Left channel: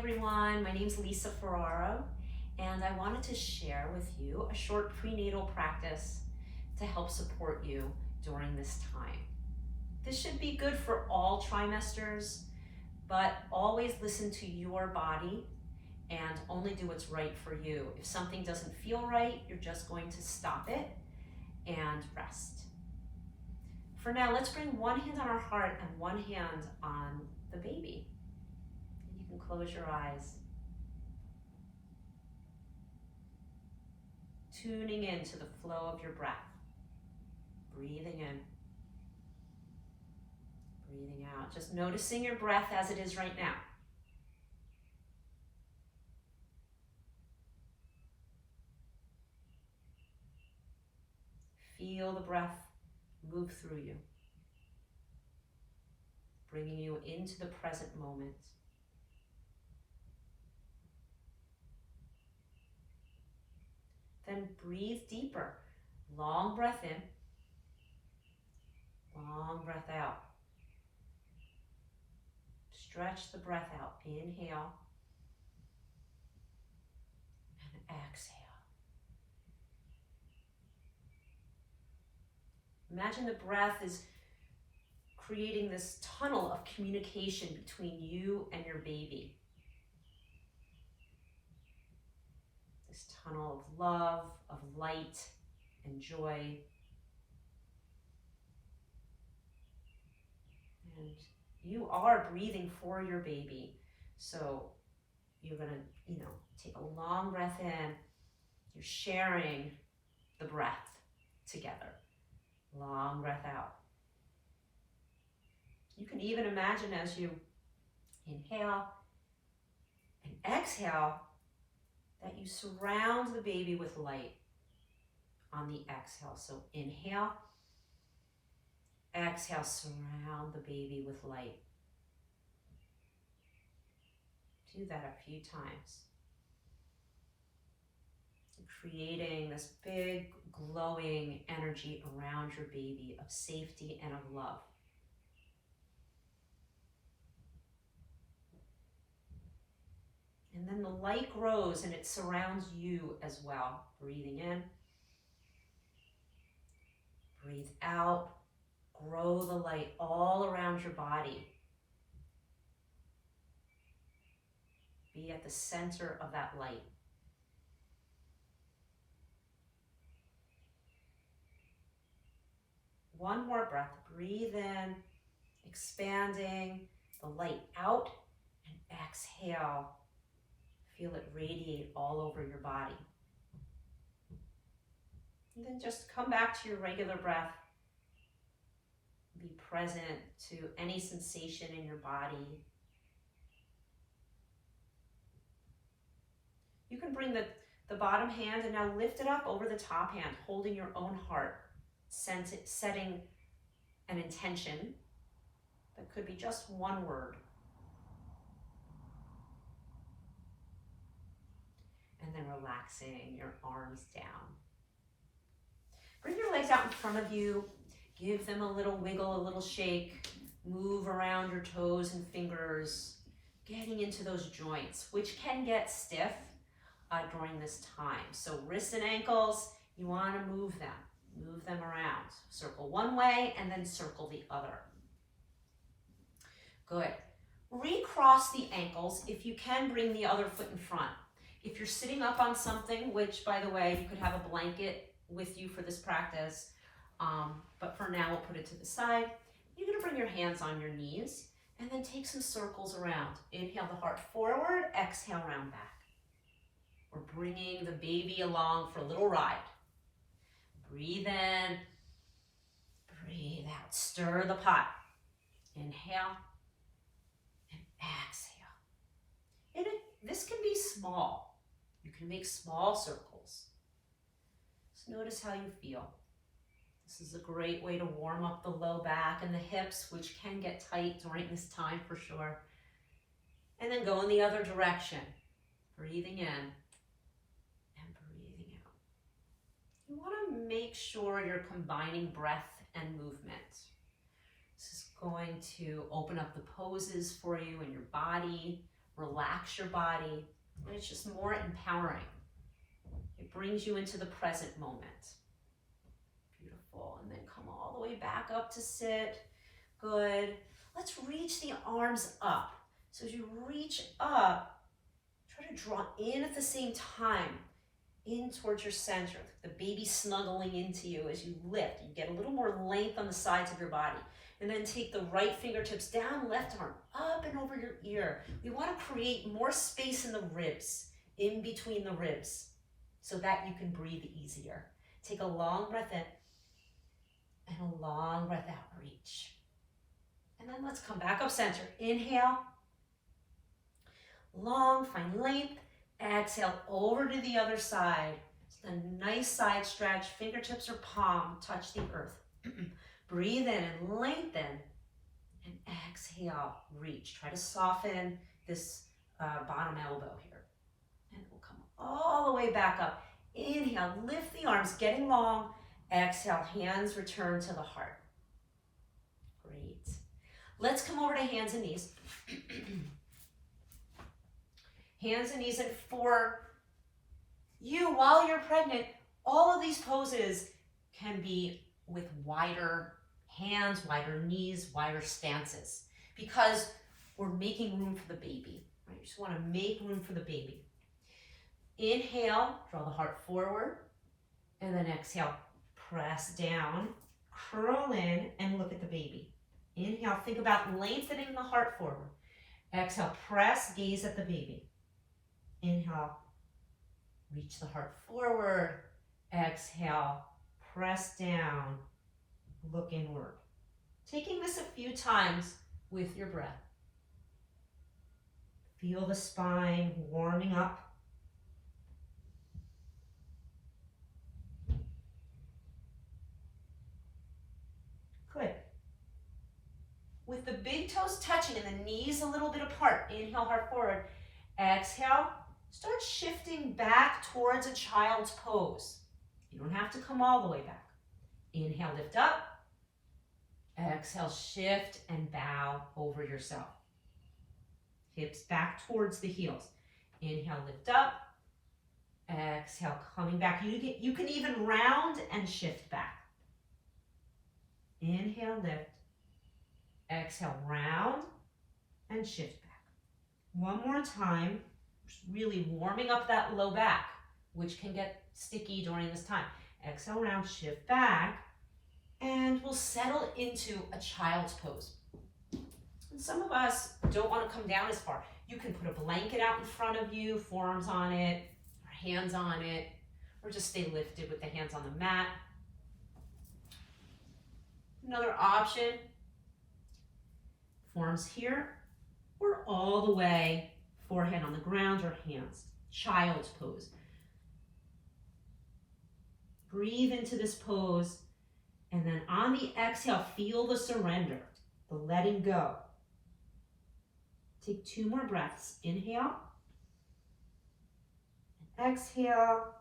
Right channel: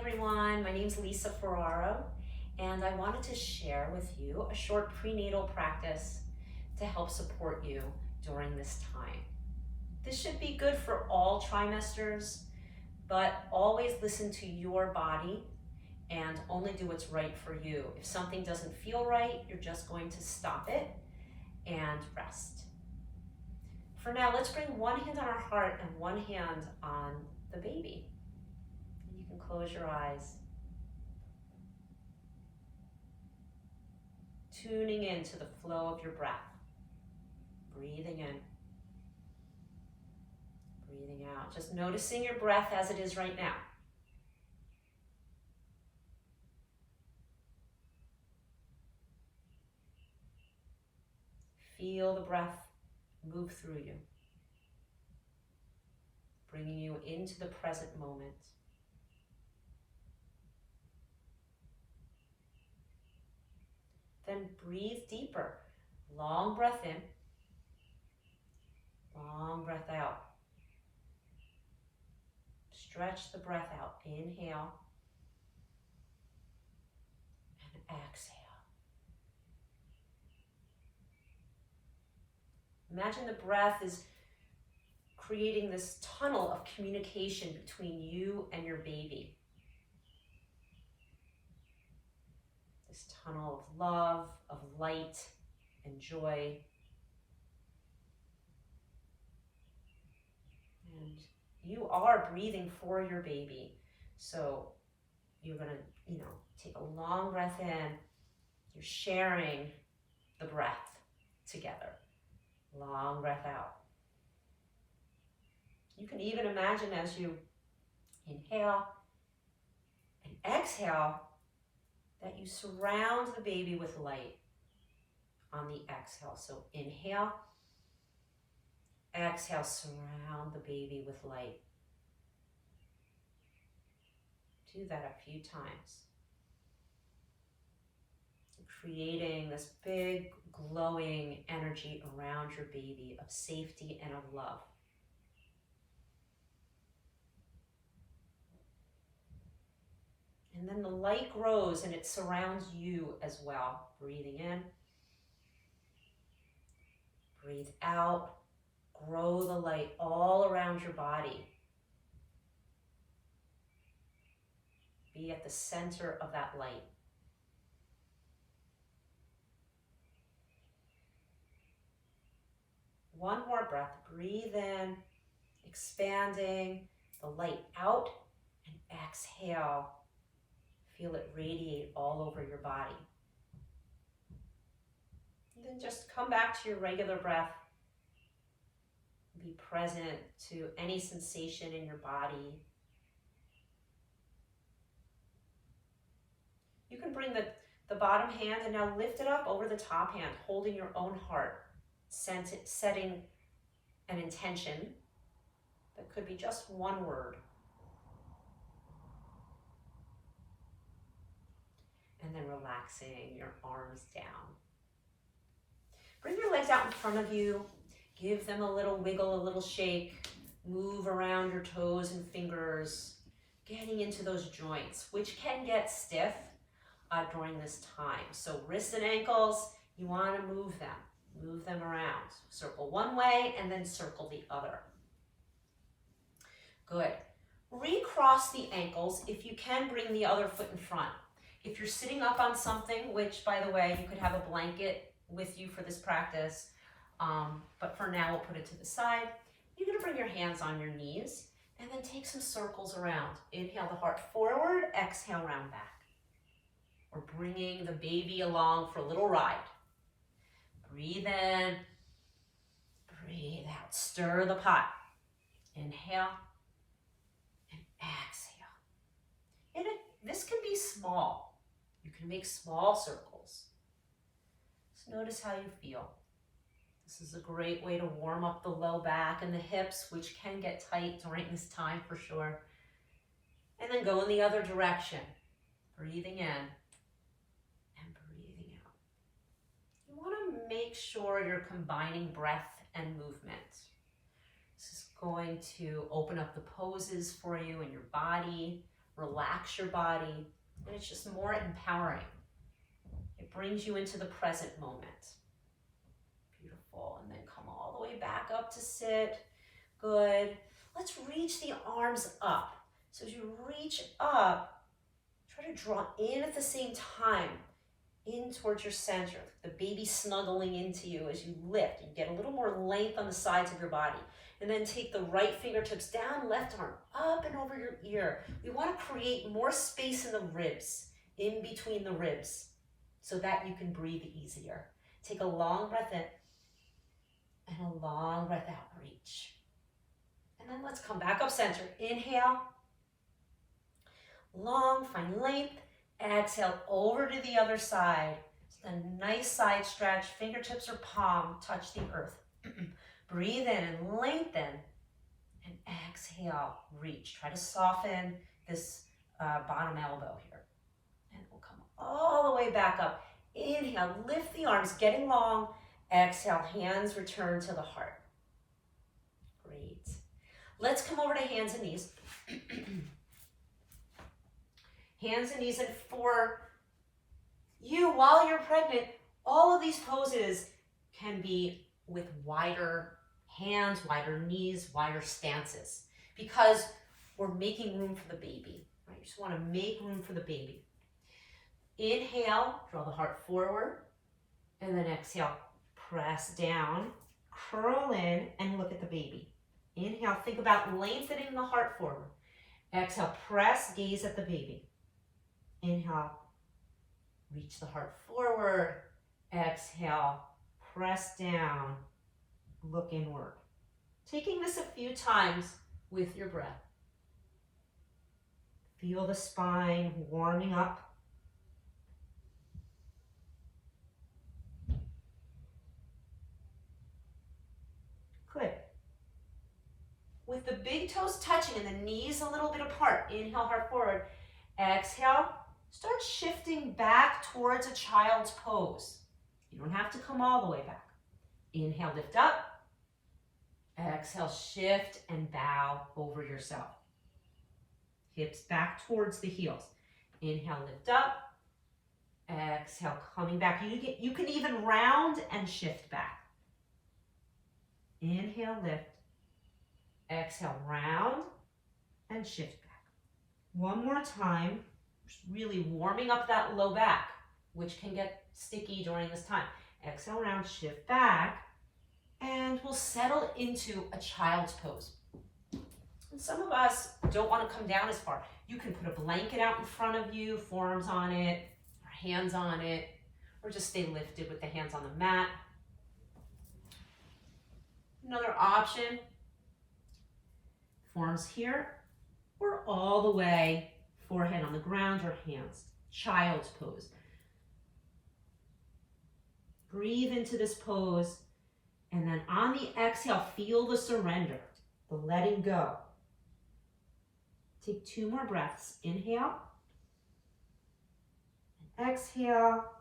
everyone, my name is Lisa Ferraro, and I wanted to share with you a short prenatal practice to help support you during this time. This should be good for all trimesters, but always listen to your body and only do what's right for you. If something doesn't feel right, you're just going to stop it and rest. For now, let's bring one hand on our heart and one hand on the baby. You can close your eyes. Tuning into the flow of your breath. Breathing in. Breathing out. Just noticing your breath as it is right now. Feel the breath move through you, bringing you into the present moment. Then breathe deeper. Long breath in, long breath out. Stretch the breath out. Inhale and exhale. Imagine the breath is creating this tunnel of communication between you and your baby. This tunnel of love, of light, and joy. And you are breathing for your baby. So you're gonna, take a long breath in. You're sharing the breath together. Long breath out. You can even imagine as you inhale and exhale that you surround the baby with light on the exhale. So inhale, exhale, surround the baby with light. Do that a few times. Creating this big glowing energy around your baby of safety and of love. And then the light grows and it surrounds you as well. Breathing in, breathe out, grow the light all around your body. Be at the center of that light. One more breath. Breathe in, expanding the light out, and exhale. Feel it radiate all over your body. And then just come back to your regular breath. Be present to any sensation in your body. You can bring the bottom hand and now lift it up over the top hand, holding your own heart. Setting an intention that could be just one word. And then relaxing your arms down. Bring your legs out in front of you. Give them a little wiggle, a little shake. Move around your toes and fingers, getting into those joints, which can get stiff during this time. So wrists and ankles, you want to move them. Move them around. Circle one way and then circle the other. Good. Recross the ankles. If you can, bring the other foot in front. If you're sitting up on something, which by the way, you could have a blanket with you for this practice, but for now we'll put it to the side. You're going to bring your hands on your knees and then take some circles around. Inhale the heart forward, exhale round back. We're bringing the baby along for a little ride. Breathe in, breathe out. Stir the pot. Inhale and exhale. And this can be small. You can make small circles. Just notice how you feel. This is a great way to warm up the low back and the hips, which can get tight during this time for sure. And then go in the other direction. Breathing in. You want to make sure you're combining breath and movement. This is going to open up the poses for you in your body, relax your body, and it's just more empowering. It brings you into the present moment. Beautiful. And then come all the way back up to sit. Good. Let's reach the arms up. So as you reach up, try to draw in at the same time, in towards your center. The baby snuggling into you as you lift. You get a little more length on the sides of your body. And then take the right fingertips down, left arm up and over your ear. We want to create more space in the ribs, in between the ribs, so that you can breathe easier. Take a long breath in and a long breath out, reach. And then let's come back up center. Inhale, long, find length. Exhale, over to the other side. A nice side stretch, fingertips or palm touch the earth. Breathe in and lengthen, and exhale, reach. Try to soften this bottom elbow here. And we'll come all the way back up. Inhale, lift the arms, getting long. Exhale, hands return to the heart. Great. Let's come over to hands and knees. Hands and knees, and for you, while you're pregnant, all of these poses can be with wider hands, wider knees, wider stances, because we're making room for the baby, right? You just want to make room for the baby. Inhale, draw the heart forward, and then exhale, press down, curl in, and look at the baby. Inhale, think about lengthening the heart forward. Exhale, press, gaze at the baby. Inhale, reach the heart forward. Exhale, press down, look inward. Taking this a few times with your breath. Feel the spine warming up. Good. With the big toes touching and the knees a little bit apart, inhale, heart forward. Exhale, start shifting back towards a child's pose. You don't have to come all the way back. Inhale, lift up. Exhale, shift and bow over yourself. Hips back towards the heels. Inhale, lift up. Exhale, coming back. You can even round and shift back. Inhale, lift. Exhale, round and shift back. One more time. Just really warming up that low back, which can get sticky during this time. Exhale, round, shift back, and we'll settle into a child's pose. And some of us don't want to come down as far. You can put a blanket out in front of you, forearms on it, or hands on it, or just stay lifted with the hands on the mat. Another option, forearms here, or all the way, forehead on the ground or hands, child's pose. Breathe into this pose, and then on the exhale, feel the surrender, the letting go. Take 2 more breaths. Inhale, and exhale,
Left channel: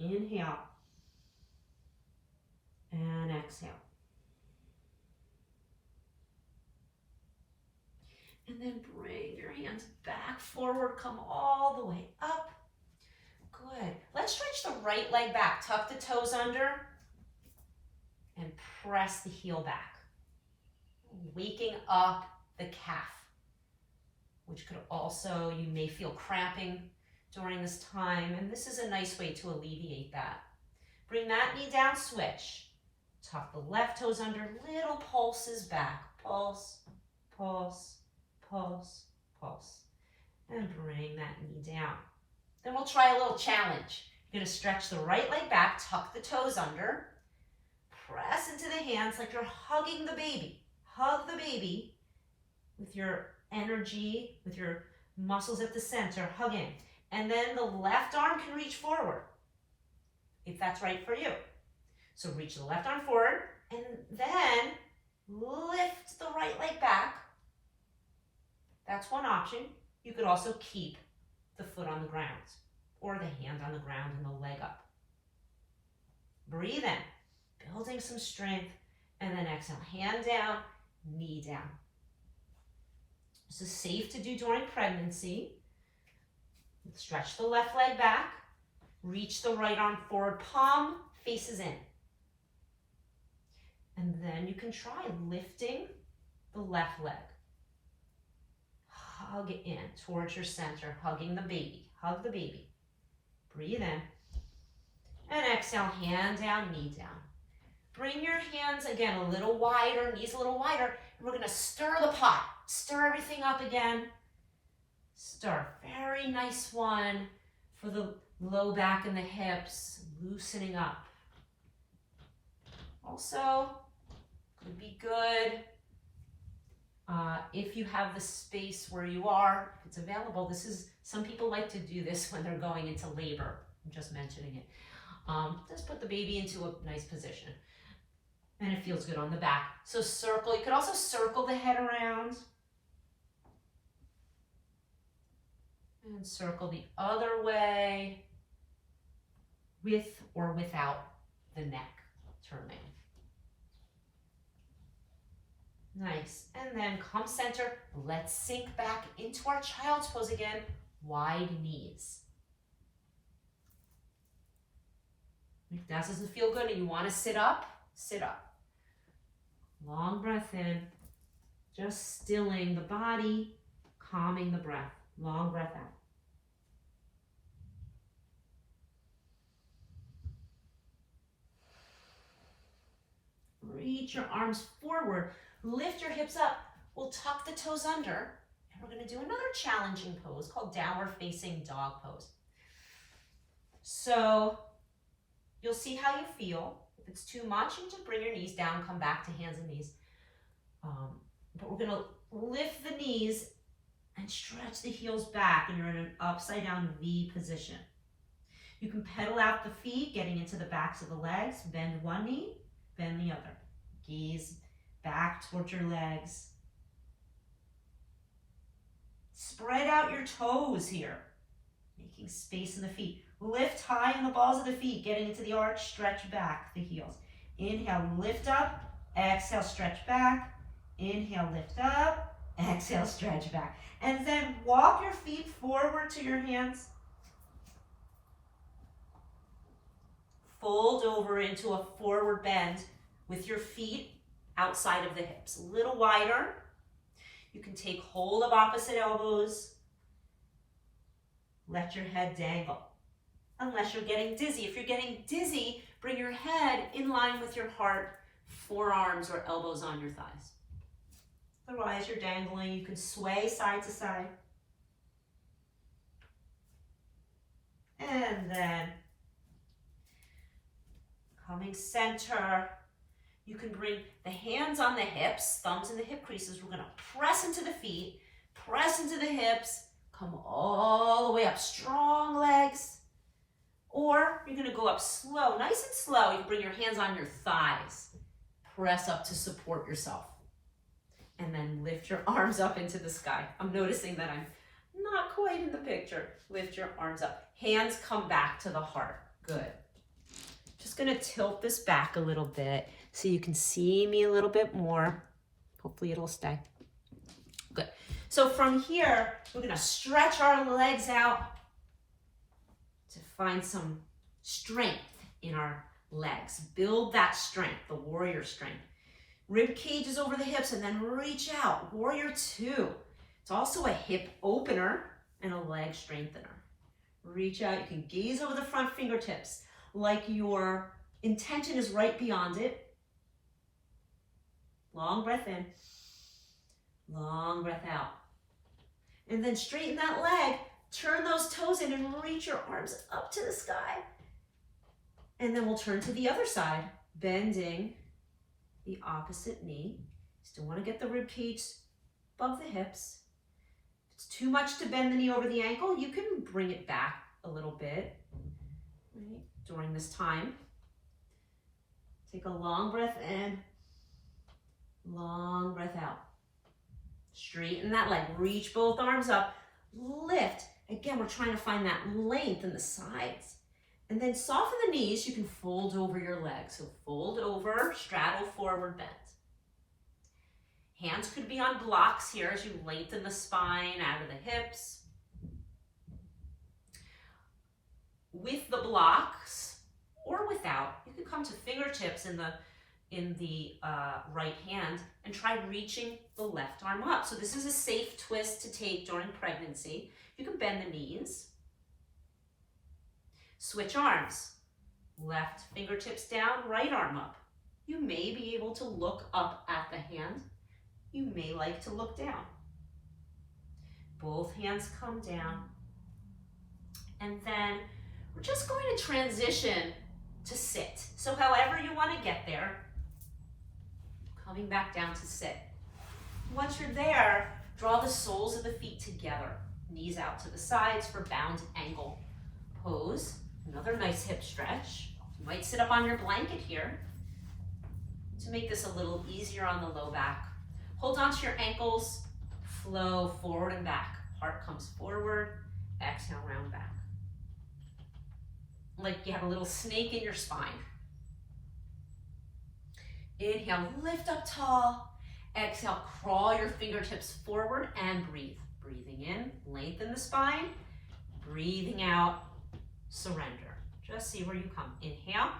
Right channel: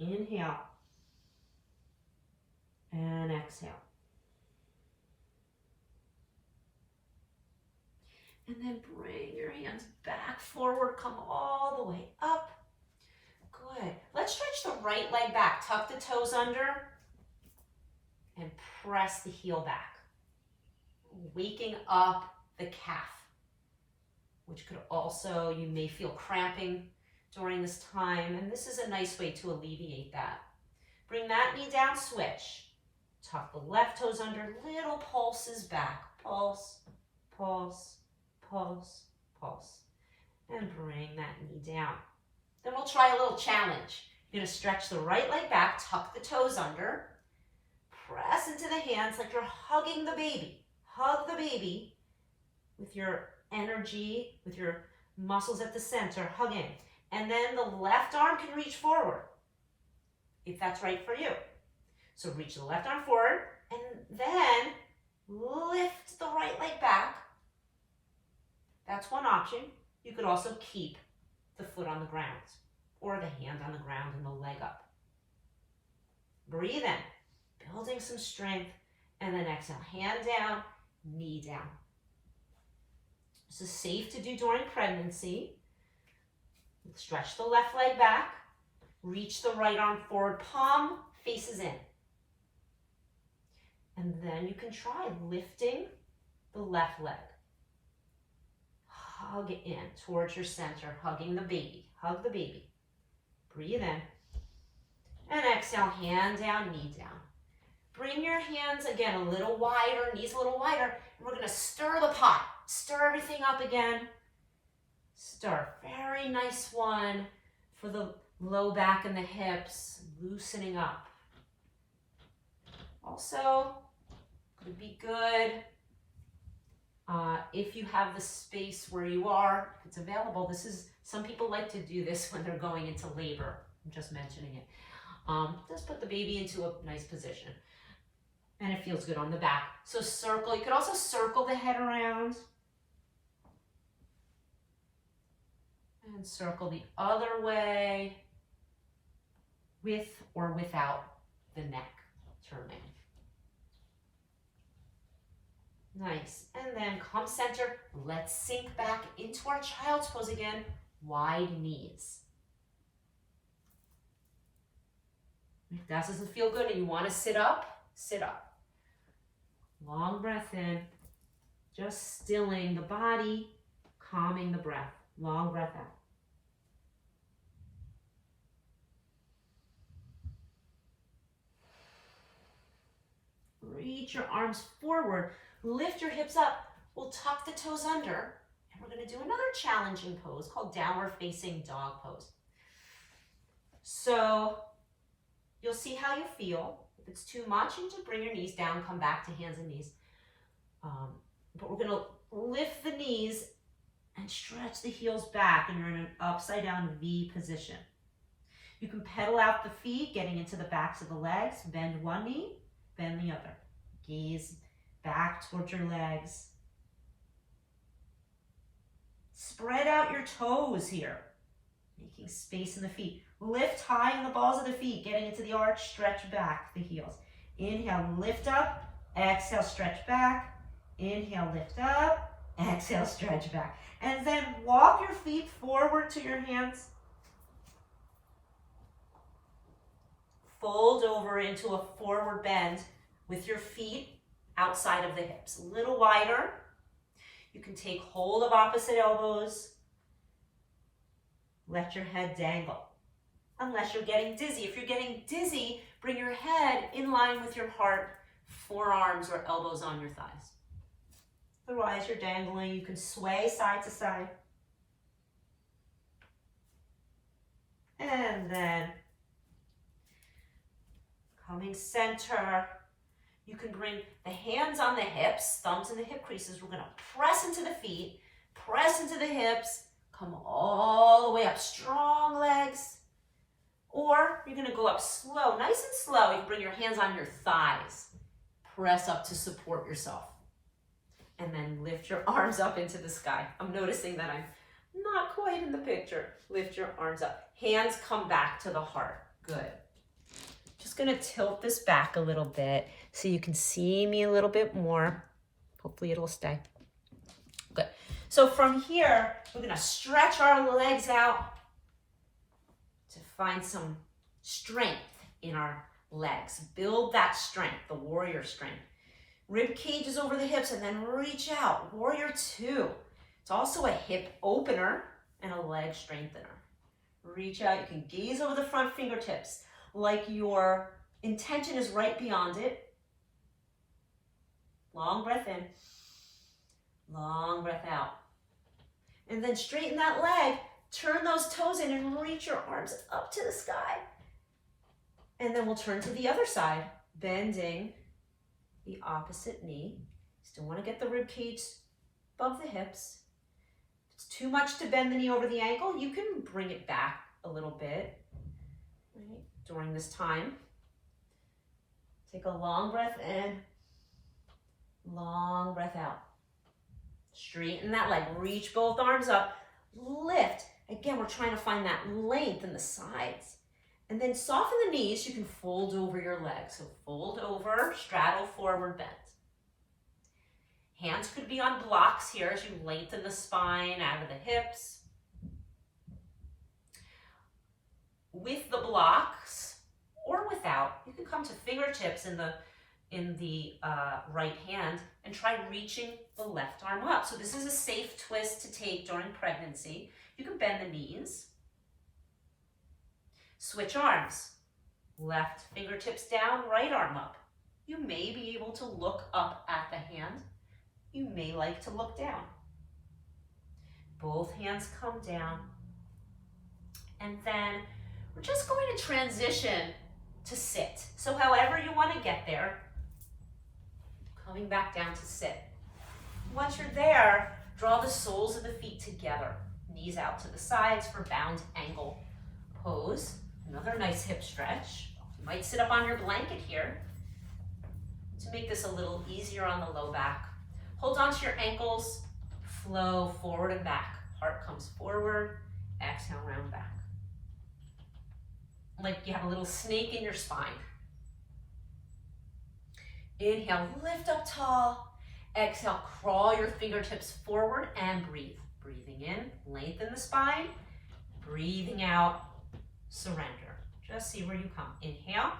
inhale, and exhale. And then bring your hands back forward, come all the way up. Good. Let's stretch the right leg back. Tuck the toes under and press the heel back. Waking up the calf, which could also, you may feel cramping during this time, and this is a nice way to alleviate that. Bring that knee down, switch. Tuck the left toes under, little pulses back. Pulse, pulse, pulse, pulse. And bring that knee down. Then we'll try a little challenge. You're gonna stretch the right leg back, tuck the toes under, press into the hands like you're hugging the baby. Hug the baby with your energy, with your muscles at the center, hug in. And then the left arm can reach forward, if that's right for you. So reach the left arm forward, and then lift the right leg back. That's one option. You could also keep the foot on the ground, or the hand on the ground and the leg up. Breathe in, building some strength, and then exhale, hand down, knee down. This is safe to do during pregnancy. Stretch the left leg back. Reach the right arm forward, palm faces in. And then you can try lifting the left leg. Hug in towards your center, hugging the baby. Hug the baby. Breathe in. And exhale, hand down, knee down. Bring your hands again a little wider, knees a little wider. And we're going to stir the pot. Stir everything up again. Stir. Very nice one for the low back and the hips, loosening up. Also, could be good if you have the space where you are, if it's available. This is, some people like to do this when they're going into labor. I'm just mentioning it. Just put the baby into a nice position. And it feels good on the back. So circle, you could also circle the head around. And circle the other way, with or without the neck turning. Nice. And then come center. Let's sink back into our child's pose again. Wide knees. If that doesn't feel good and you want to sit up, sit up. Long breath in. Just stilling the body, calming the breath. Long breath out. Reach your arms forward. Lift your hips up. We'll tuck the toes under. And we're going to do another challenging pose called downward facing dog pose. So you'll see how you feel. If it's too much, you just bring your knees down, come back to hands and knees. But we're going to lift the knees and stretch the heels back, and you're in an upside down V position. You can pedal out the feet, getting into the backs of the legs. Bend one knee, bend the other. Gaze back towards your legs. Spread out your toes here, making space in the feet. Lift high in the balls of the feet, getting into the arch, stretch back the heels. Inhale, lift up. Exhale, stretch back. Inhale, lift up. Exhale, stretch back. And then walk your feet forward to your hands. Fold over into a forward bend with your feet outside of the hips. A little wider. You can take hold of opposite elbows. Let your head dangle. Unless you're getting dizzy. If you're getting dizzy, bring your head in line with your heart, forearms or elbows on your thighs. Otherwise, you're dangling. You can sway side to side. And then coming center. You can bring the hands on the hips, thumbs in the hip creases. We're going to press into the feet, press into the hips, come all the way up. Strong legs. Or you're going to go up slow, nice and slow. You can bring your hands on your thighs. Press up to support yourself. And then lift your arms up into the sky. I'm noticing that I'm not quite in the picture. Lift your arms up. Hands come back to the heart. Good. Just going to tilt this back a little bit so you can see me a little bit more. Hopefully it'll stay. Good. So from here, we're going to stretch our legs out to find some strength in our legs. Build that strength, the warrior strength. Rib cage is over the hips and then reach out. Warrior two. It's also a hip opener and a leg strengthener. Reach out. You can gaze over the front fingertips like your intention is right beyond it. Long breath in. Long breath out. And then straighten that leg. Turn those toes in and reach your arms up to the sky. And then we'll turn to the other side, bending the opposite knee. Still want to get the rib cage above the hips. If it's too much to bend the knee over the ankle, you can bring it back a little bit, right, during this time. Take a long breath in, long breath out. Straighten that leg, reach both arms up, lift. Again, we're trying to find that length in the sides. And then soften the knees. You can fold over your legs. So fold over, straddle, forward bend. Hands could be on blocks here as you lengthen the spine out of the hips. With the blocks or without, you could come to fingertips in the right hand and try reaching the left arm up. So this is a safe twist to take during pregnancy. You can bend the knees. Switch arms. Left fingertips down, right arm up. You may be able to look up at the hand. You may like to look down. Both hands come down. And then we're just going to transition to sit. So however you want to get there, coming back down to sit. Once you're there, draw the soles of the feet together. Knees out to the sides for bound angle pose. Another nice hip stretch. You might sit up on your blanket here to make this a little easier on the low back. Hold on to your ankles, flow forward and back. Heart comes forward, exhale, round back. Like you have a little snake in your spine. Inhale, lift up tall. Exhale, crawl your fingertips forward and breathe. Breathing in, lengthen the spine. Breathing out, surrender. Just see where you come. Inhale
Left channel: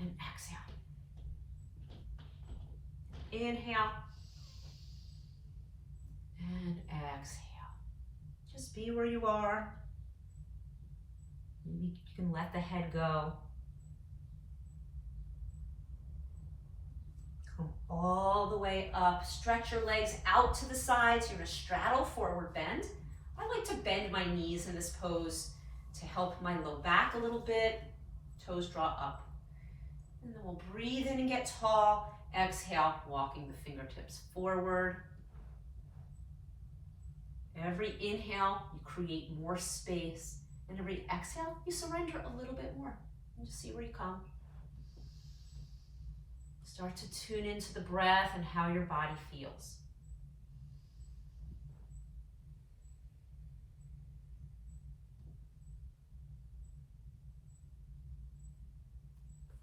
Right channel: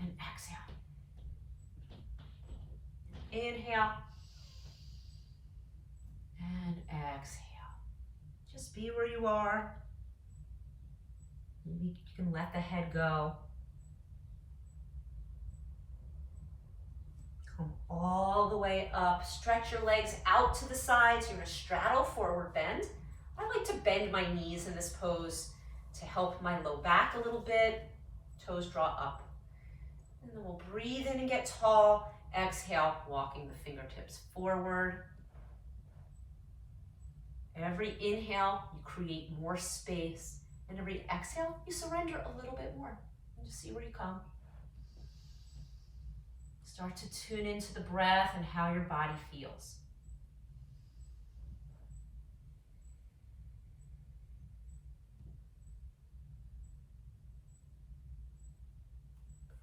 and exhale. Inhale and exhale. Just be where you are. Maybe you can let the head go. Come all the way up. Stretch your legs out to the sides. You're going to straddle forward bend. I like to bend my knees in this pose to help my low back a little bit. Toes draw up. And then we'll breathe in and get tall. Exhale, walking the fingertips forward. Every inhale, you create more space. And every exhale, you surrender a little bit more. And just see where you come. Start to tune into the breath and how your body feels.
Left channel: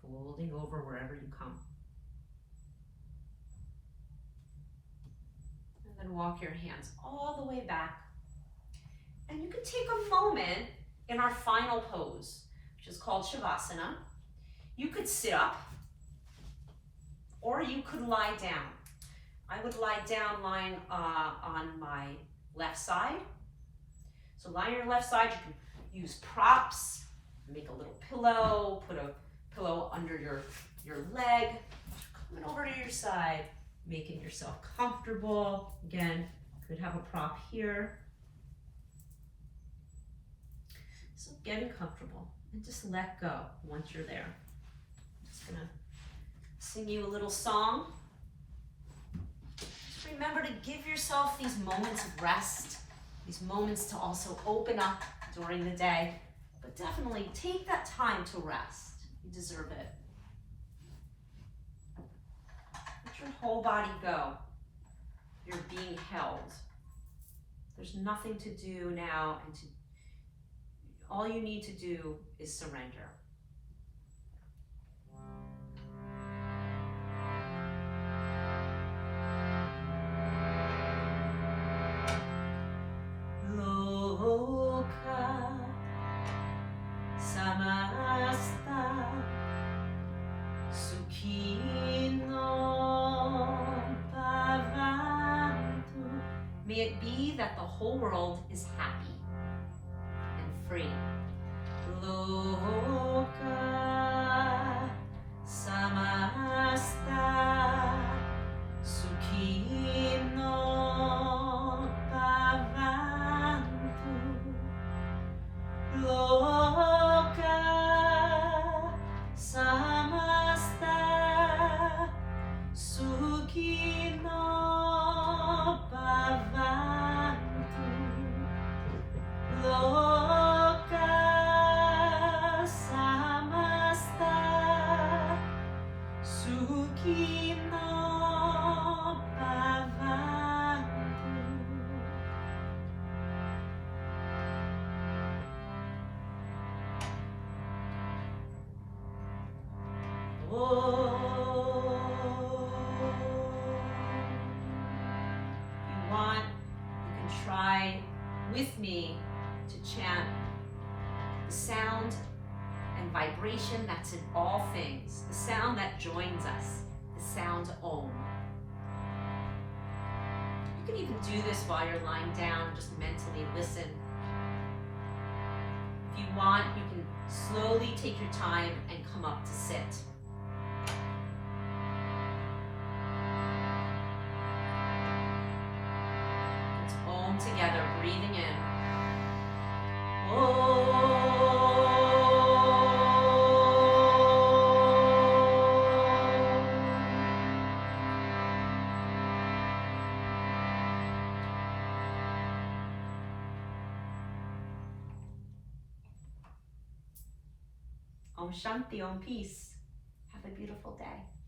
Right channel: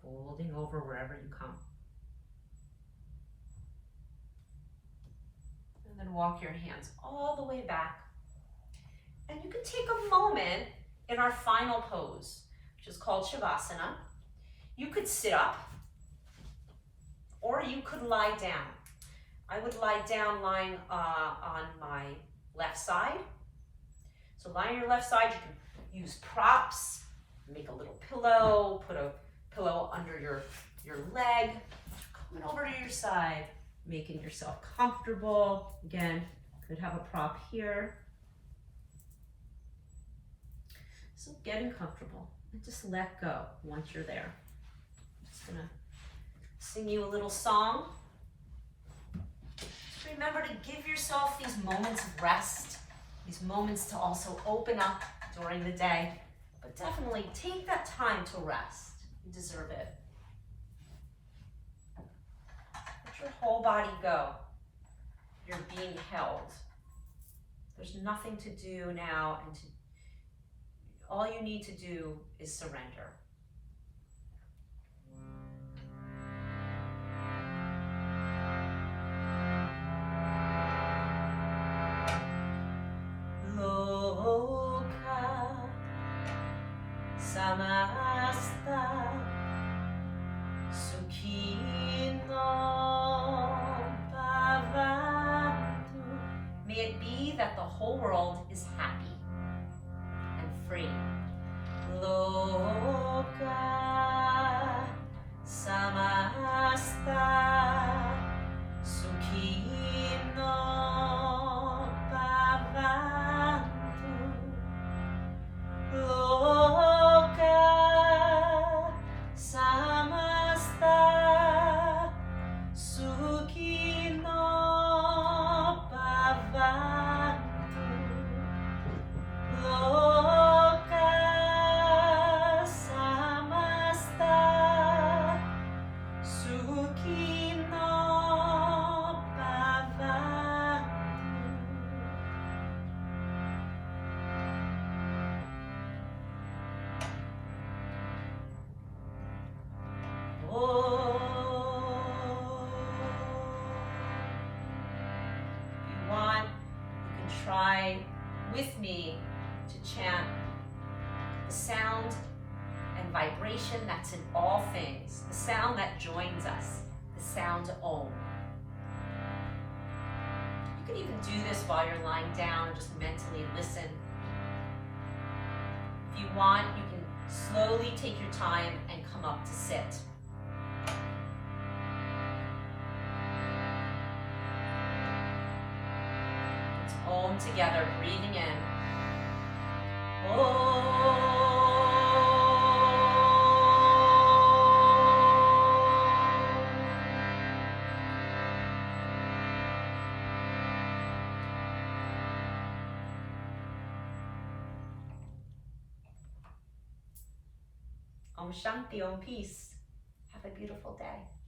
Folding over wherever you come. And then walk your hands all the way back. And you can take a moment in our final pose, which is called Shavasana. You could sit up or you could lie down. I would lie down lying on my left side. So lie on your left side, you can use props, make a little pillow, put a pillow under your leg, coming over to your side, making yourself comfortable. Again, could have a prop here. So getting comfortable and just let go once you're there. I'm just gonna sing you a little song. Just remember to give yourself these moments of rest, these moments to also open up during the day, but definitely take that time to rest. You deserve it. Let your whole body go. You're being held. There's nothing to do now, and all you need to do is surrender. Loka samasta sukhino bhavantu. May it be that the whole world is happy and free. Loka samasta sukhino bhavantu. Loka samasta sukhino bhavantu. Loka samasta sukhino bhavantu. Oh. try with me to chant the sound and vibration that's in all things, the sound that joins us, the sound Om. You can even do this while you're lying down and just mentally listen. If you want, you can slowly take your time and come up to sit. It's Om together, breathing in. Om. Om Shanti, Om Peace. Have a beautiful day.